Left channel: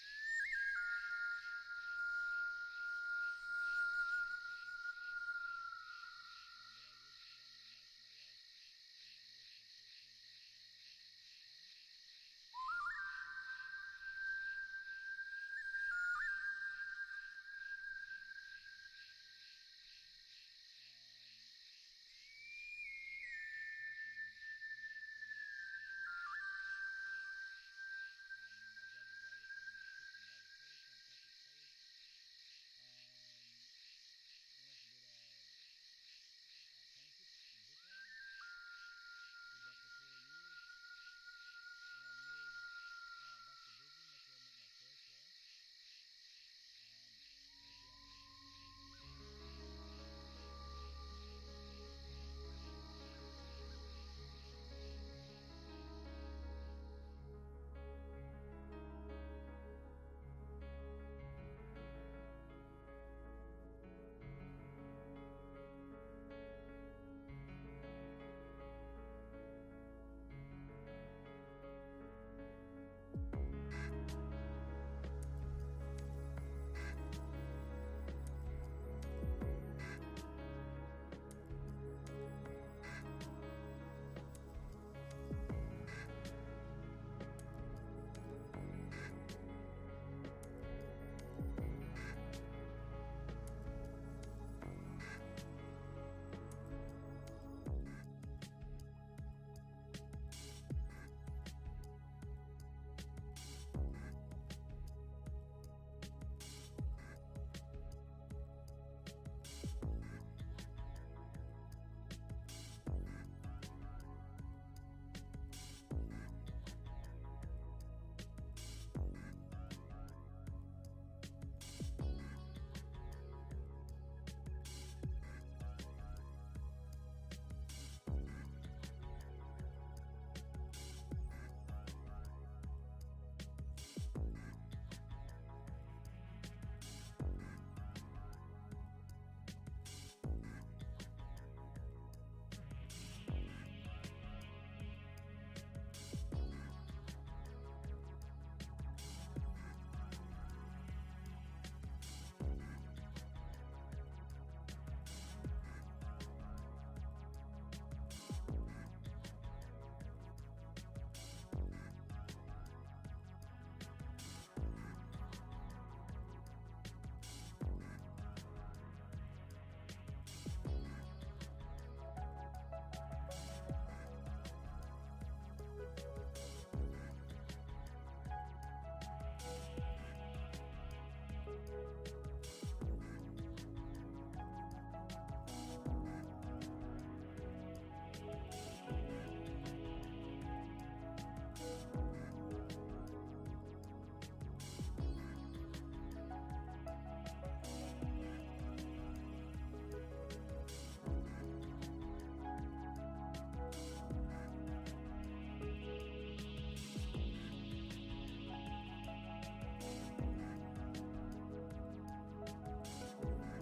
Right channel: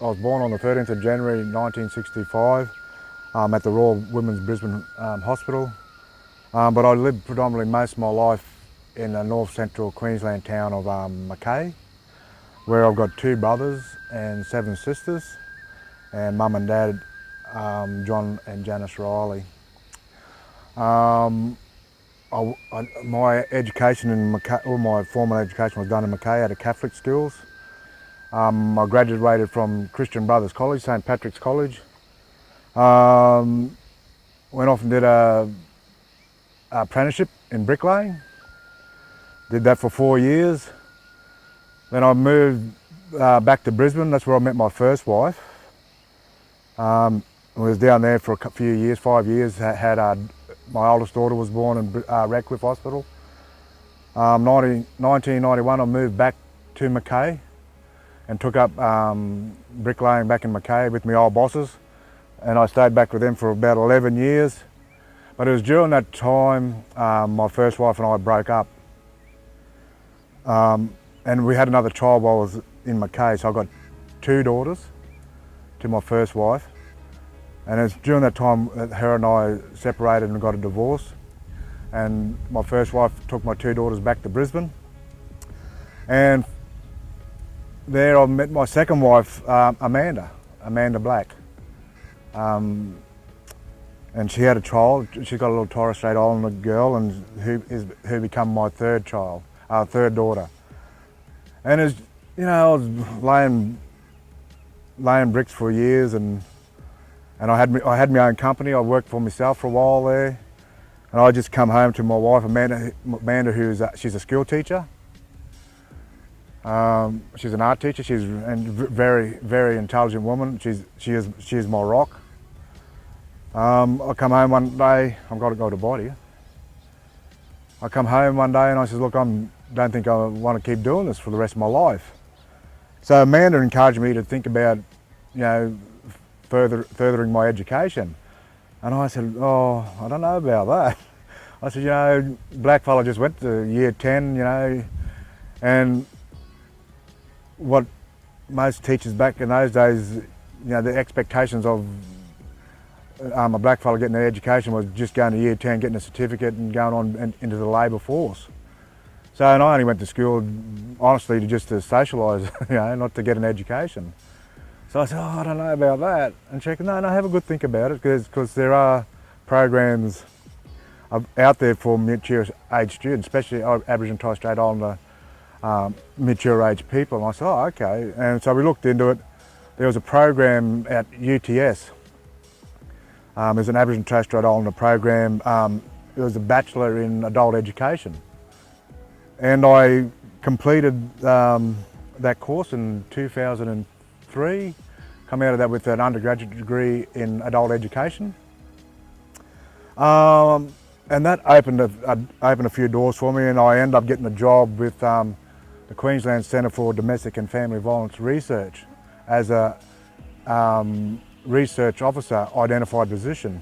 I was born on the 13th of January 1965 at the Royal Women's Brisbane Hospital, but I lived predominantly most of my life in the north central Queensland town of Mackay, where I've got 2 brothers and 7 sisters, and mum and dad, John and Janice Reilly. Um, my education in Mackay, all my formal education was done in Mackay at a Catholic schools. I graduated from Christian Brothers College, St Patrick's College. Went off and did a apprenticeship in bricklaying. Did that for 4 years. Then I moved back to Brisbane. That's where I met my first wife. I was down there for a few years, 5 years. My oldest daughter was born in Radcliffe Hospital. 1991 I moved back to Mackay and took up bricklaying back in Mackay with my old bosses, and I stayed back with them for about 11 years. But it was during that time my first wife and I broke up. And we had another child while I was in Mackay, so I got 2 daughters to my first wife. And it's during that time that her and I separated and got a divorce. And my first wife took my 2 daughters back to Brisbane. And there I met my second wife, Amanda Black. And she had a child. She got a little Torres Strait Islander girl, and who became my third daughter. And as you know, I was laying bricks for years, and I had my own company. I worked for myself for a while there, and I just come home to my wife Amanda, she's a school teacher. She's an art teacher. She's a very, very intelligent woman. She is my rock. I come home one day. I've got to go to body. I come home one day and I said, look, I don't think I want to keep doing this for the rest of my life. So Amanda encouraged me to think about, furthering my education. And I said, oh, I don't know about that. I said, blackfella just went to year 10, and what most teachers back in those days, the expectations of a blackfella getting their education was just going to year 10, getting a certificate and going on into the labour force. So, and I only went to school, honestly, just to socialise, not to get an education. So I said, oh, I don't know about that. And she said, no, have a good think about it, because there are programs out there for mature age students, especially Aboriginal and Torres Strait Islander mature age people. And I said, oh, okay. And so we looked into it. There was a program at UTS. There's an Aboriginal and Torres Strait Islander program. It was a Bachelor in Adult Education. And I completed that course in 2003, come out of that with an undergraduate degree in adult education. And that opened a few doors for me, and I ended up getting a job with the Queensland Centre for Domestic and Family Violence Research as a research officer identified position.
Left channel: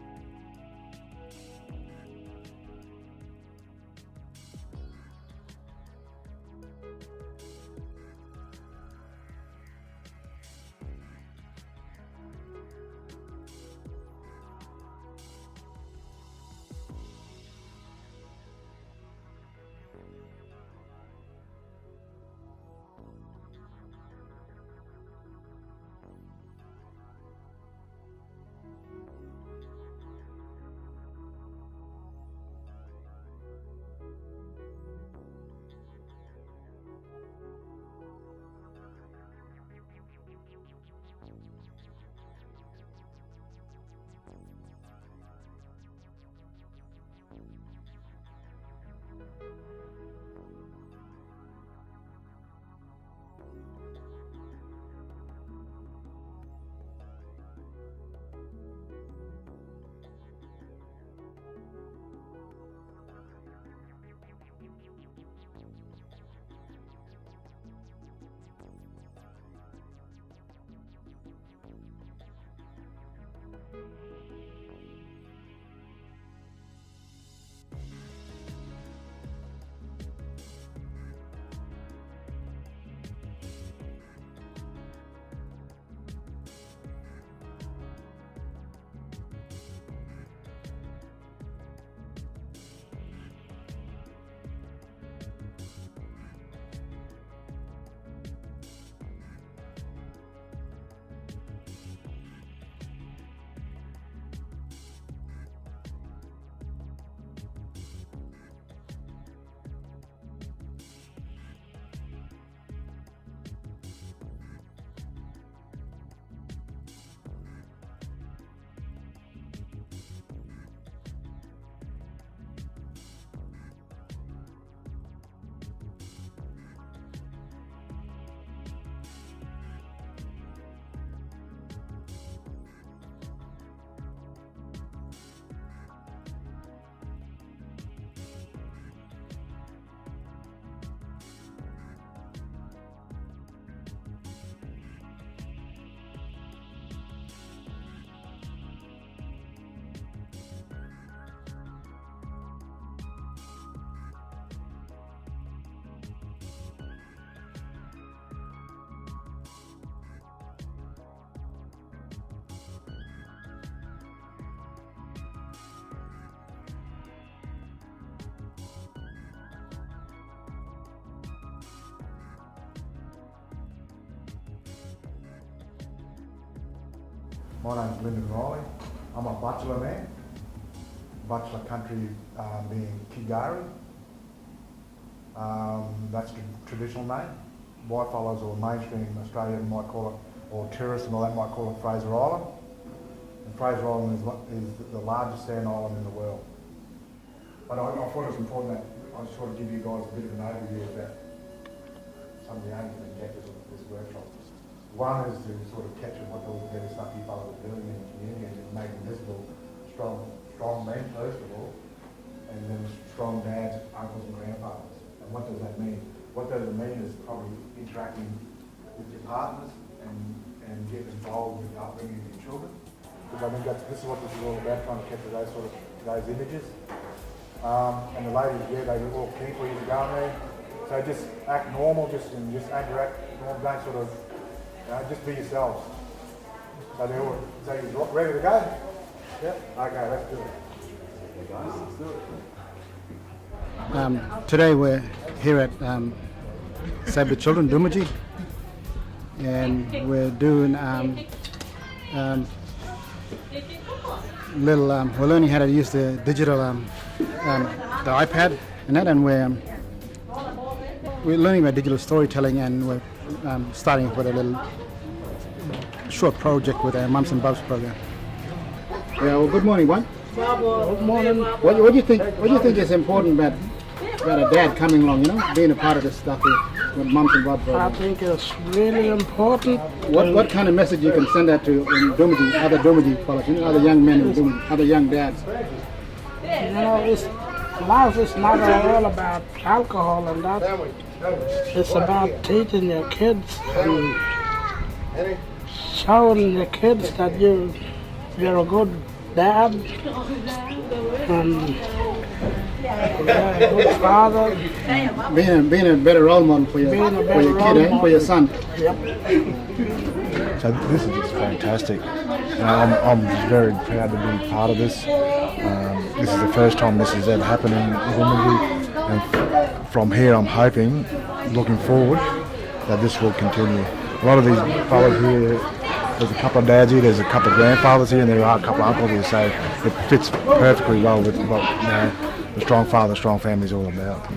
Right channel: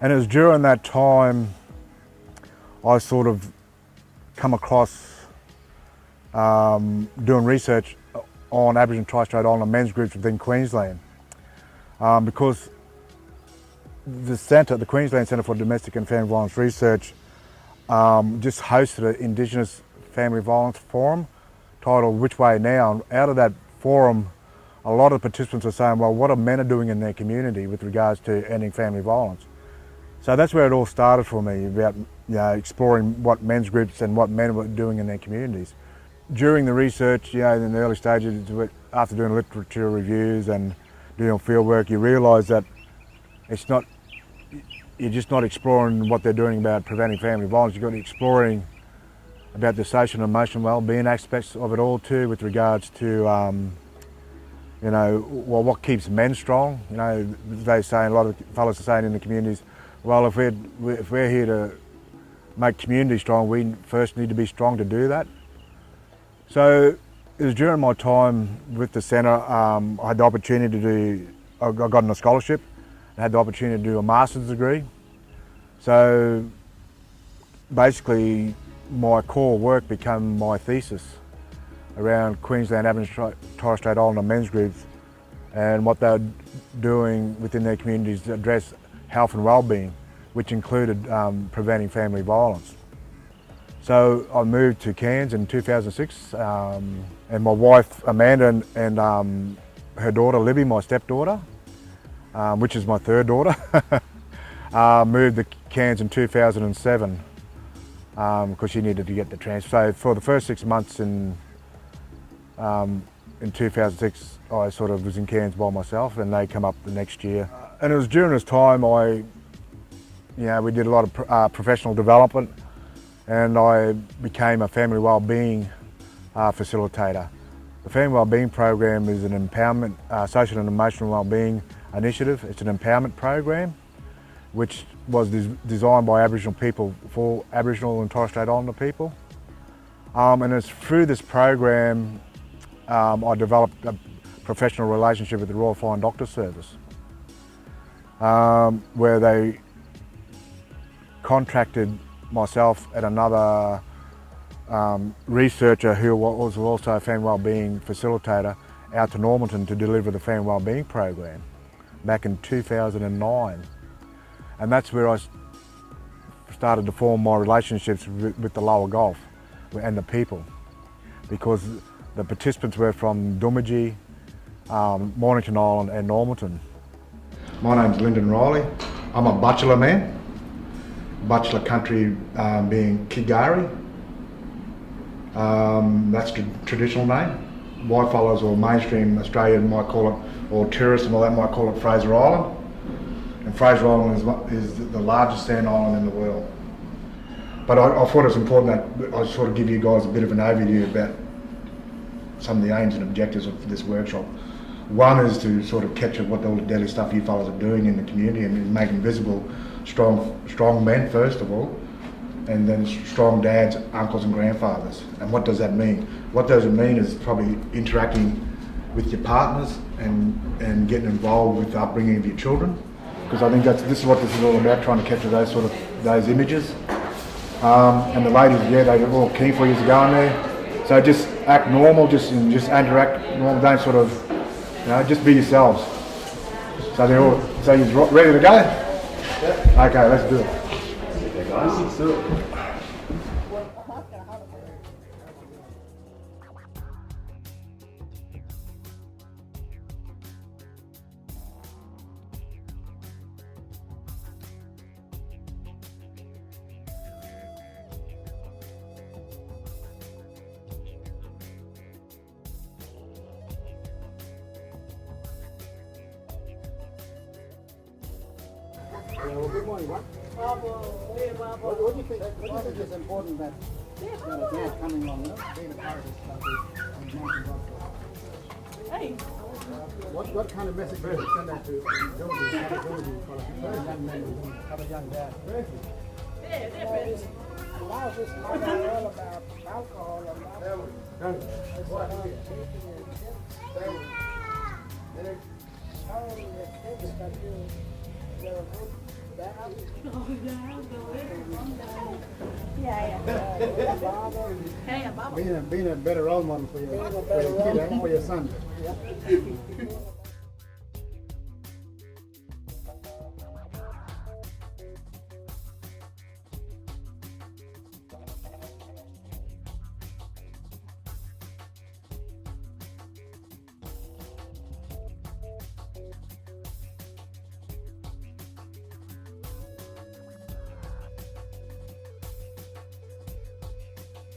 And it was during that time I sort of come across doing research on Aboriginal and Torres Strait Islander men's groups within Queensland, because the Queensland Centre for Domestic and Family Violence Research just hosted an Indigenous Family Violence Forum titled Which Way Now? And out of that forum, a lot of participants are saying, well, what are men doing in their community with regards to ending family violence? So that's where it all started for me, about exploring what men's groups and what men were doing in their communities. During the research, in the early stages, after doing literature reviews and doing field work, you realise that you're just not exploring what they're doing about preventing family violence. You've got to be exploring about the social and emotional well-being aspects of it all too, with regards to what keeps men strong. They say, a lot of fellas are saying in the communities, well, if we're here to make community strong, we first need to be strong to do that. So it was during my time with the centre, I had the opportunity I got on a scholarship and had the opportunity to do a master's degree. So basically my core work became my thesis around Queensland Aboriginal Torres Strait Islander men's groups and what they're doing within their communities to address health and well-being, which included preventing family violence. So I moved to Cairns in 2006, and my wife Amanda and her daughter Libby, my stepdaughter, which is my third daughter, moved to Cairns in 2007 because she needed to get the transfer. So for the first 6 months in 2006, I sort of was in Cairns by myself, and they come up the next year. And it was during this time we did a lot of professional development, and I became a family wellbeing facilitator. The Family Wellbeing Program is an empowerment, social and emotional wellbeing initiative. It's an empowerment program which was designed by Aboriginal people for Aboriginal and Torres Strait Islander people. And it's through this program I developed a professional relationship with the Royal Flying Doctor Service, where they contracted myself and another researcher who was also a family wellbeing facilitator out to Normanton to deliver the Family Wellbeing Program back in 2009. And that's where I started to form my relationships with the lower Gulf and the people, because the participants were from Doomadgee, Mornington Island and Normanton. My name's Lyndon Reilly. I'm a bachelor man. Bachelor country being Kigari. That's the traditional name. Whitefellas or mainstream Australian might call it, or tourists and all that might call it Fraser Island. And Fraser Island is the largest sand island in the world. But I thought it was important that I sort of give you guys a bit of an overview about some of the aims and objectives of this workshop. One is to sort of capture what all the daily stuff you fellas are doing in the community and making visible strong men first of all, and then strong dads, uncles and grandfathers. And what does that mean? What does it mean is probably interacting with your partners and getting involved with the upbringing of your children, because I think this is what this is all about, trying to capture those images. And the ladies, yeah, they were all keen for you to go in there. So just act normal, just interact normal, don't sort of, just be yourselves. So you're ready to go? Okay, let's do it. Today we're here at Save the Children, Doomadgee, and we're doing we're learning how to use the digital, the iPad and that, and we're learning about digital storytelling, and we're starting with a little short project with our Mums and Bubs program. Yeah, well, good morning, one. Good morning. What do you think? What do you think is important about a dad coming along? Being a part of this stuff with Mums and Bubs program. I think it's really important. What kind of message you can send out to Doomadgee, other Doomadgee fellas, other young men in Doomadgee, other young dads? Life is not all about alcohol and that. It's about teaching your kids and showing the kids that you're a good dad and a good father. Being a better role model for your kid, for your son. Yep. So this is just fantastic. I'm very proud to be part of this. This is the first time this has ever happened in Doomadgee, and from here I'm hoping, looking forward, that this will continue. A lot of these fellas here, there's a couple of dads here, there's a couple of grandfathers here, and there are a couple of uncles here, so it fits perfectly well with what the strong father, strong family is all about.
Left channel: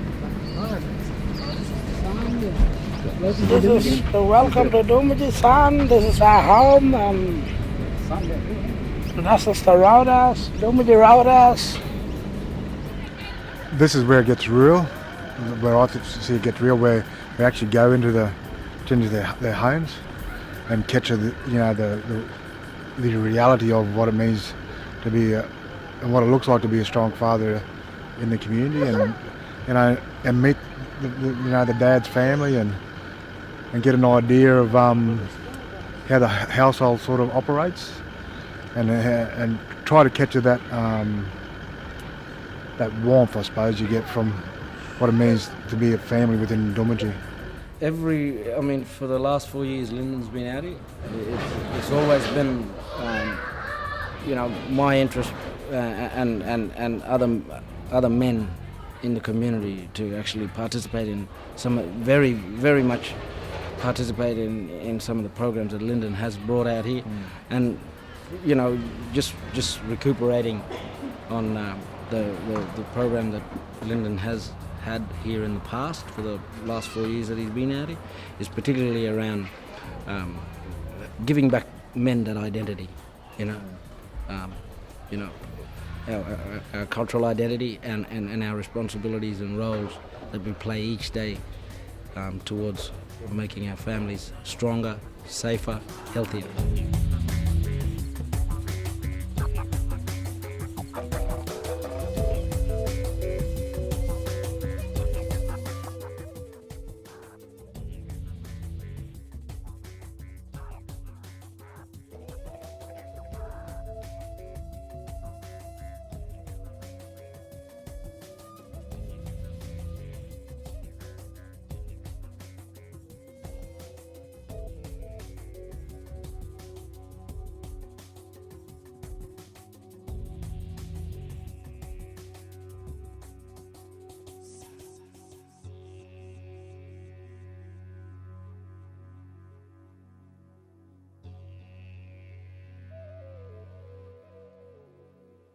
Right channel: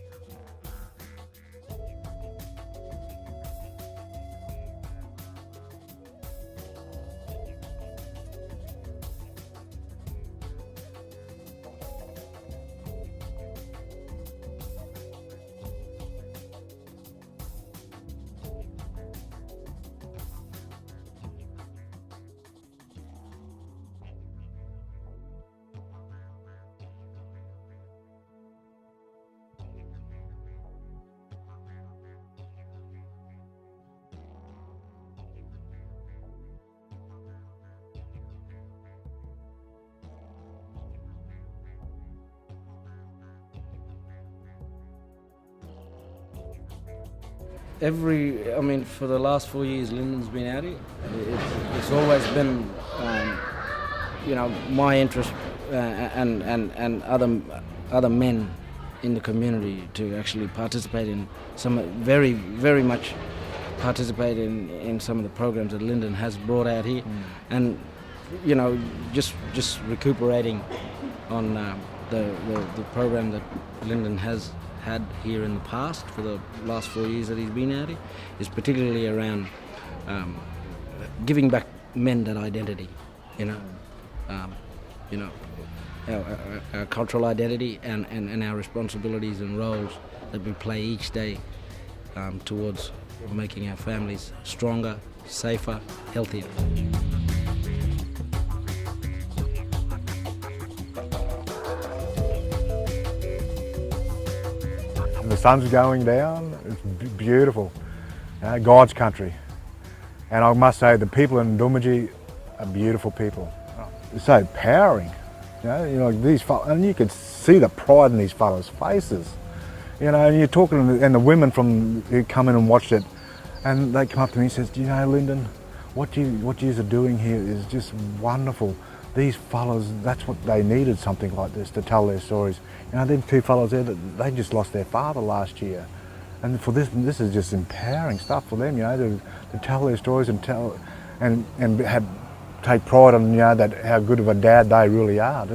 This is welcome to Doomadgee, son. This is our home, and this is the roadhouse, Doomadgee Roadhouse. This is where it gets real, where I see it get real, where we actually go into their homes and capture the reality of what it means to be and what it looks like to be a strong father in the community, and meet the dad's family and get an idea of how the household sort of operates, and try to capture that warmth, I suppose, you get from what it means to be a family within Doomadgee. I mean, for the last 4 years, Lyndon's been out here. It's always been, my interest and other men in the community to actually participate in very, very much participate in some of the programs that Lyndon has brought out here, and just recuperating on the program that Lyndon has had here in the past for the last 4 years that he's been out here, is particularly around giving back men that identity, our cultural identity and our responsibilities and roles that we play each day towards making our families stronger, safer, healthier. The sun's going down, it's beautiful, God's country. And I must say the people in Doomadgee are beautiful people. It's so empowering, these fellas, and you could see the pride in these fellas' faces. And you're talking, and the women who come in and watched it, and they come up to me and says, Lyndon, what you are doing here is just wonderful. These fellas, that's what they needed, something like this to tell their stories. Them two fellas there, they just lost their father last year. And for this is just empowering stuff for them, to tell their stories and take pride on, that how good of a dad they really are,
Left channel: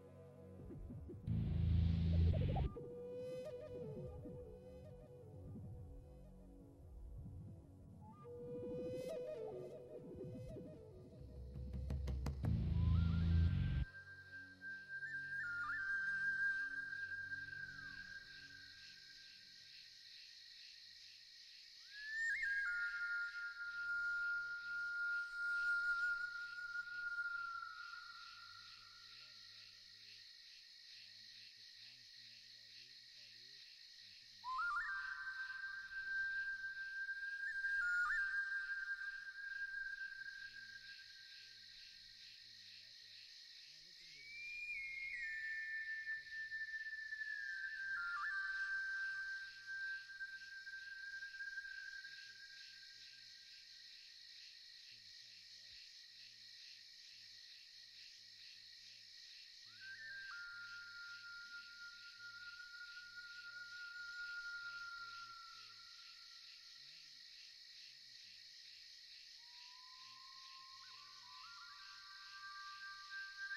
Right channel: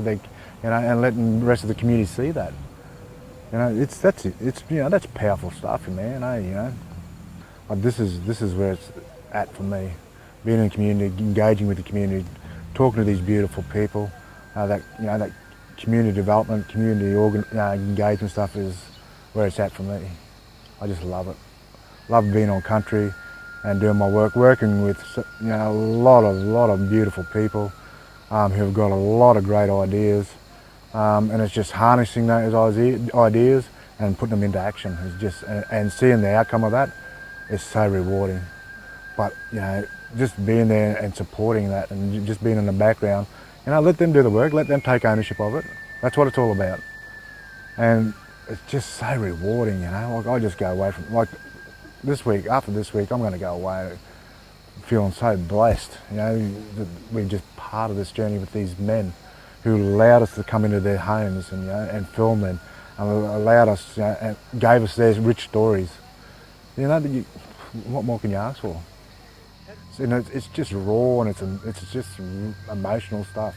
and letting the rest of the community see that. That's powerful stuff, man. But this is where it's at for me. Being in the community, engaging with the community, talking to these beautiful people, that community development, community engagement stuff is where it's at for me. I just love it. Love being on country and doing my work, working with a lot of beautiful people who've got a lot of great ideas, and it's just harnessing those ideas and putting them into action. It's just and seeing the outcome of that is so rewarding. But just being there and supporting that, and just being in the background, let them do the work, let them take ownership of it. That's what it's all about. And it's just so rewarding, I just go away from, after this week, I'm going to go away feeling so blessed, that we're just part of this journey with these men who allowed us to come into their homes and film them, and allowed us, and gave us their rich stories. What more can you ask for? It's just raw, and it's just emotional stuff.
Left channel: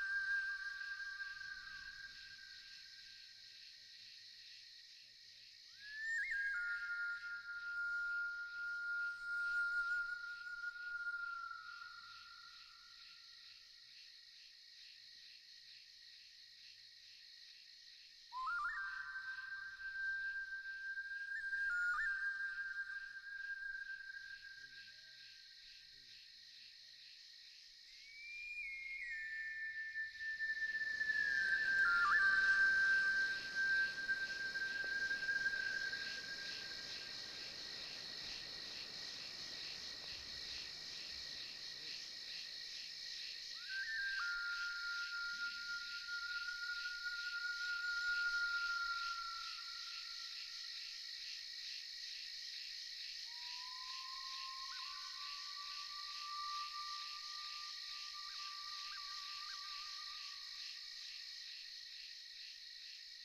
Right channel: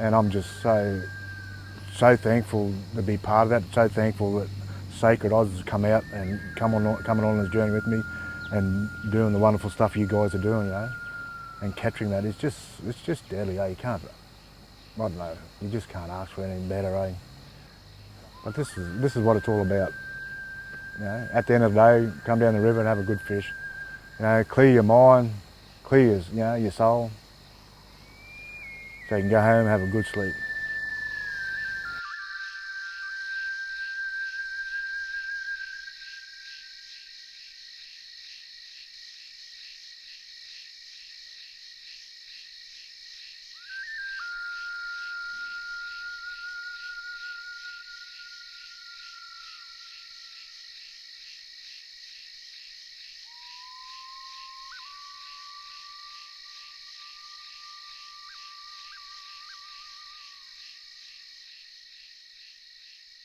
And I'm just so thankful to be part of that, so thankful that Sacred Oz has come out and coming on this journey with me and doing the wonderful stuff you guys are doing, and capturing that. It's just deadly, You can't, I don't know, you just can't ask for anything better, But this is what it's all about. At the end of the day, come down the river and have a good fish. Clear your mind, clear your soul, so you can go home and have a good sleep.